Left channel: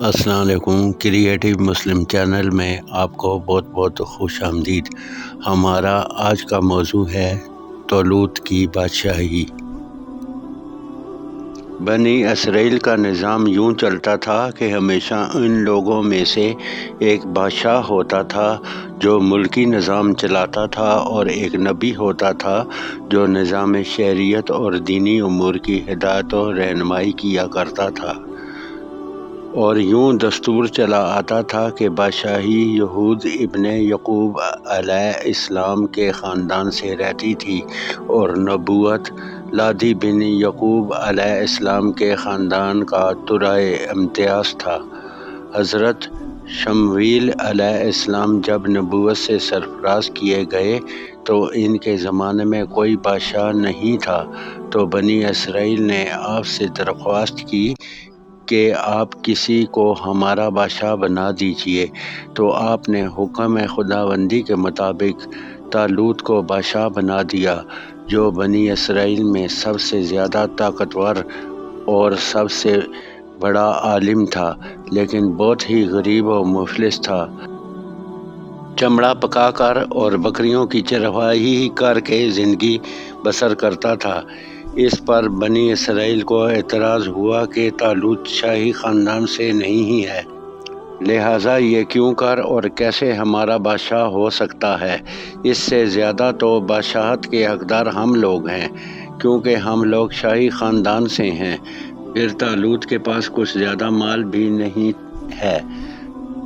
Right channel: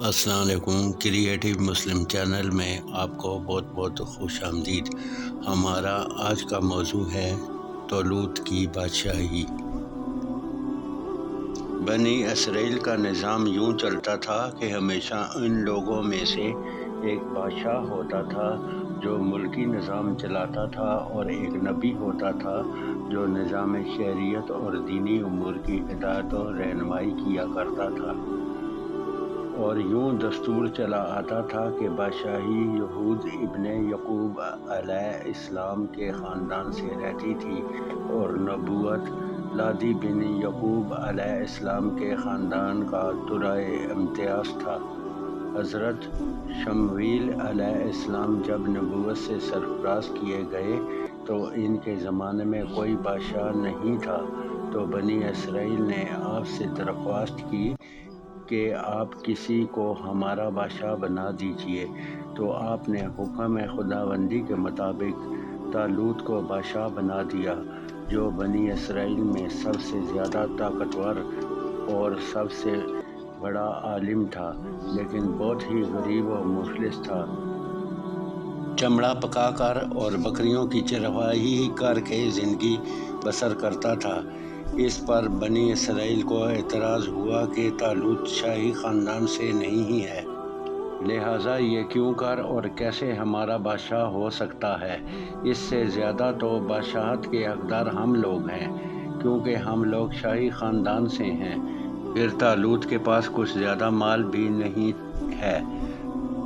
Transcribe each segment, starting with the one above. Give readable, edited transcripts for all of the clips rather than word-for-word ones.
السلام علیکم۔ کریٹیو مسلم چینل میں آپ کو بہت بہت خوش آمدید۔ ہمارا آج کا موضوع ہے طالوت کی بادشاہی۔ بنی اسرائیل کا نظام یوں چلتا تھا کہ ہمیشہ ان لوگوں میں سے ایک بادشاہ ہوتا تھا جو ملکی نظام چلاتا تھا، اور ایک نبی ہوتا تھا جو نظام شریعت اور دینی امور کی ہدایت و رہنمائی کیا کرتا تھا۔ اور یوں دستور چلا آتا تھا کہ بادشاہی یہود ابن یعقوب علیہ السلام کے خاندان سے رہتی تھی، اور نبوت لادی بن یعقوب علیہ السلام کے خاندان کا ترائے امتیاز تھا۔ حضرت شمویل علیہ السلام جب نبوت سے سرفراز کیے گئے تو ان کے زمانے میں کوئی بادشاہ نہیں تھا، تو بنی اسرائیل نے آپ سے درخواست کی کہ آپ کسی کو ہمارا بادشاہ بنا دیجیے، تو آپ نے حکم خداوندی کے مطابق طالوت کو بادشاہ بنا دیا، جو بنی اسرائیل میں سب سے زیادہ طاقتور اور سب سے بڑا عالم تھا، لیکن بہت ہی غریب و مفلس تھا۔ چمڑا پکا کر اور بکریوں کی چرواہی کر کے زندگی بسر کرتا تھا۔ اس پر بنی اسرائیل کو اعتراض ہوا کہ طالوت شاہی خاندان سے نہیں ہے، لہٰذا یہ کیوں کر اور کیسے ہمارا بادشاہ ہو سکتا ہے؟ اس سے زیادہ تو بادشاہت کے حقدار ہم لوگ ہیں، کیونکہ ہم لوگ شاہی خاندان سے ہیں۔ پھر طالوت کے پاس کچھ زیادہ مال بھی نہیں ہے۔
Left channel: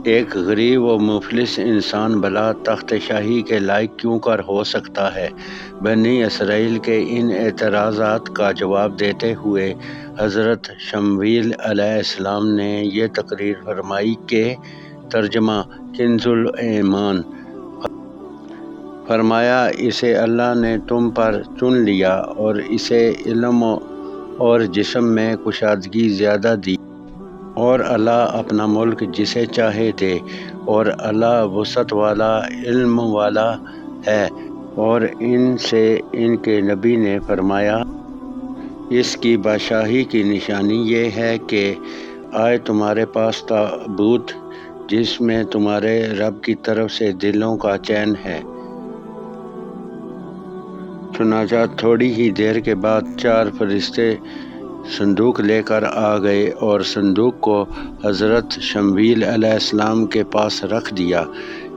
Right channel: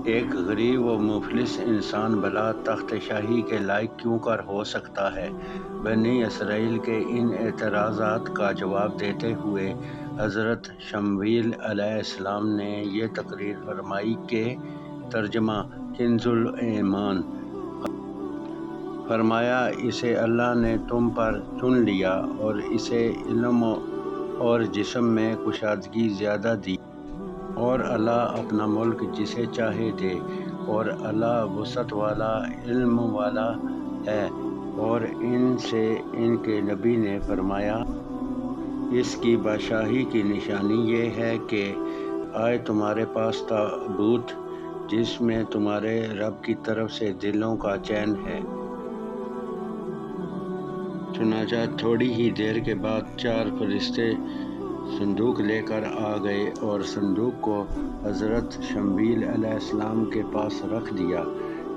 ایک غریب و مفلس انسان بھلا تخت شاہی کے لائق کیوں کر ہو سکتا ہے؟ بنی اسرائیل کے ان اعتراضات کا جواب دیتے ہوئے حضرت شمویل علیہ السلام نے یہ تقریر فرمائی کہ ترجمہ کنز الایمان۔ فرمایا، اسے اللہ نے تم پر چن لیا اور اسے علم اور جسم میں کشادگی زیادہ دی، اور اللہ اپنا ملک جسے چاہے دے، اور اللہ وسعت والا علم والا ہے۔ اور ان سے ان کے نبی نے فرمایا، اس کی بادشاہی کی نشانی یہ ہے کہ آئے تمہارے پاس تابوت جس میں تمہارے رب کی طرف سے دلوں کا چین ہے۔ چنانچہ تھوڑی ہی دیر کے بعد 4 فرشتے صندوق لے کر آ گئے اور صندوق کو حضرت شمویل علیہ السلام کے پاس رکھ دیا۔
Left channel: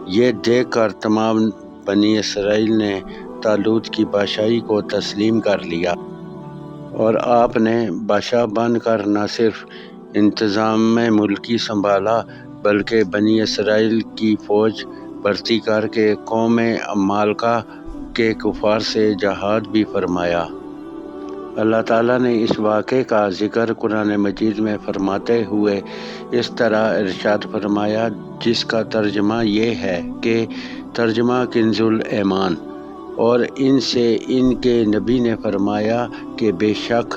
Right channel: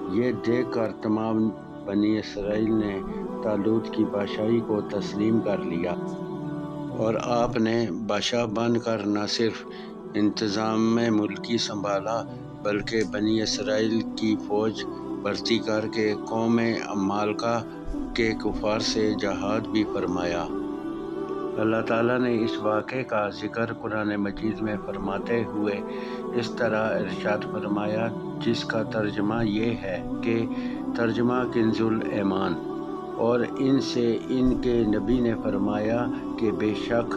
یہ دیکھ کر تمام بنی اسرائیل نے طالوت کی بادشاہی کو تسلیم کر لیا، اور آپ نے بادشاہ بن کر نہ صرف انتظام ملکی سنبھالا، بلکہ بنی اسرائیل کی فوج بھرتی کر کے قوم عمالقہ کے کفار سے جہاد بھی فرمایا۔ اللہ تعالیٰ نے اس واقعے کا ذکر قرآن مجید میں فرماتے ہوئے اس طرح ارشاد فرمایا، جس کا ترجمہ یہ ہے کہ ترجمہ کنز الایمان۔ اور ان سے ان کے نبی نے فرمایا کہ بے شک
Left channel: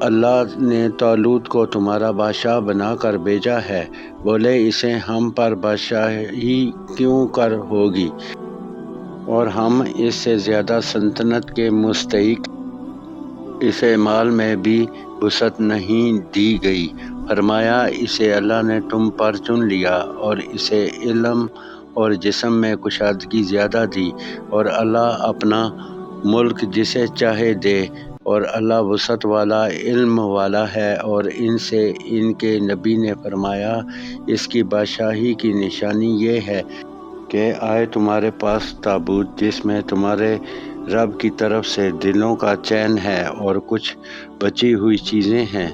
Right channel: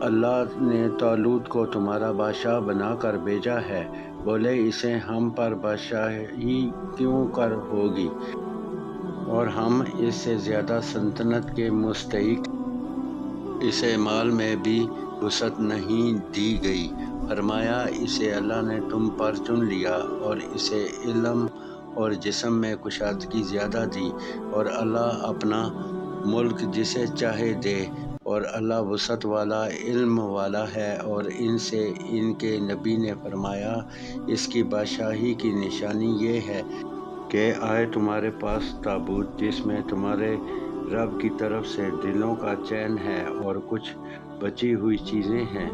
اللہ نے طالوت کو تمہارا بادشاہ بنا کر بھیجا ہے۔ بولے، اسے ہم پر بادشاہی کیوں کر ہوگی، اور ہم اس سے زیادہ سلطنت کے مستحق؟ اسے مال میں بھی وسعت نہیں دی گئی۔ فرمایا، اسے اللہ نے تم پر چن لیا اور اسے علم اور جسم میں کشادگی زیادہ دی، اور اللہ اپنا ملک جسے چاہے دے، اور اللہ وسعت والا علم والا ہے۔ اور ان سے ان کے نبی نے فرمایا، اس کی بادشاہی کی نشانی یہ ہے کہ آئے تمہارے پاس تابوت جس میں تمہارے رب کی طرف سے دلوں کا چین ہے اور کچھ بچی ہوئی چیزیں ہیں۔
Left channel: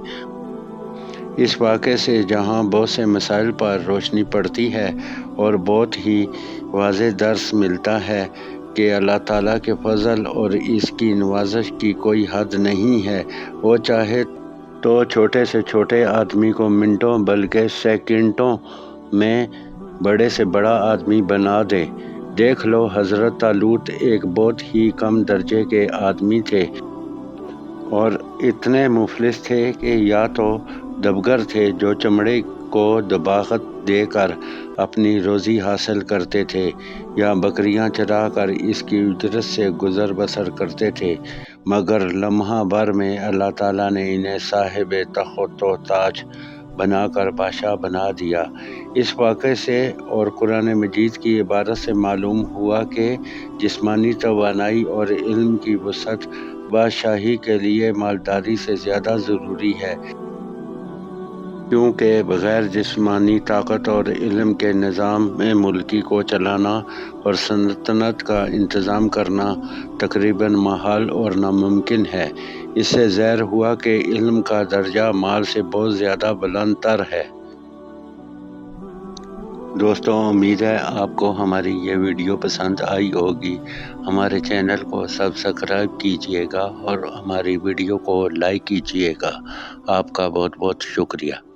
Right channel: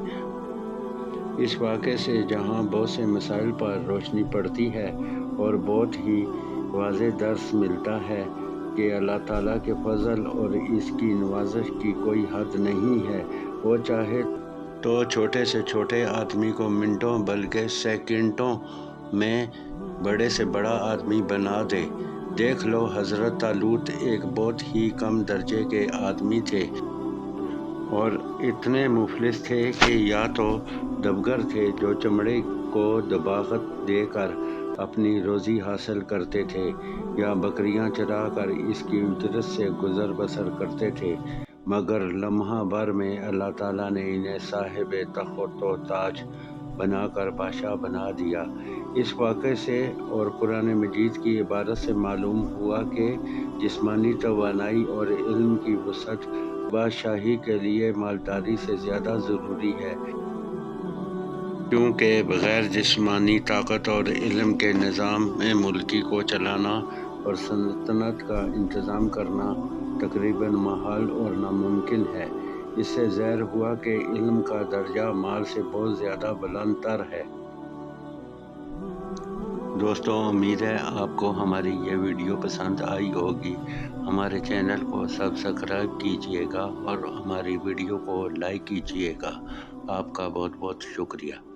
اس واقعے سے جہاں بہت سے مسائل پر روشنی پڑتی ہے اور بہت ہی واضح درس ملتا ہے کہ اللہ تعالیٰ کے فضل اور اس کی نوازش کی کوئی حد نہیں ہے۔ وہ چاہے تو چھوٹے سے چھوٹے آدمی کو منٹوں بلکہ سیکنڈوں میں بڑے سے بڑا آدمی بنا دے۔ دیکھ لو، حضرت طالوت ایک بہت ہی کم درجے کے آدمی تھے، اور اتنے مفلس تھے کہ یا تو دبگر تھے جو چمڑے کو دباغت دے کر اپنی روزی حاصل کرتے تھے، یا بکریاں چرا کر اس کی اجرت سے گزر بسر کرتے تھے، مگر لمحہ بھر میں اللہ تعالیٰ نے انہیں صاحب تخت و تاج بنا کر بادشاہ بنا دیا۔ اس واقعے سے اور قرآن مجید کی عبارت سے معلوم ہوا کہ جسمانی توانائی اور علم کی وسعت بادشاہی کے لیے مالداری سے زیادہ ضروری ہے، کیونکہ بغیر جسمانی طاقت اور علم کے نظام ملکی کو چلانا اور سلطنت کا انتظام کرنا تقریباً محال اور ناممکن ہے۔ اس سے ظاہر ہوا کہ علم کا درجہ مال سے بہت زیادہ بلند تر ہے۔ دوستوں، امید ہے آپ کو ہماری یہ ویڈیو پسند آئی ہوگی۔ ہمارے چینل کو سبسکرائب کیجیے گا اور ہماری ویڈیو کو لائک کیجیے گا۔ آپ کا بہت بہت شکریہ۔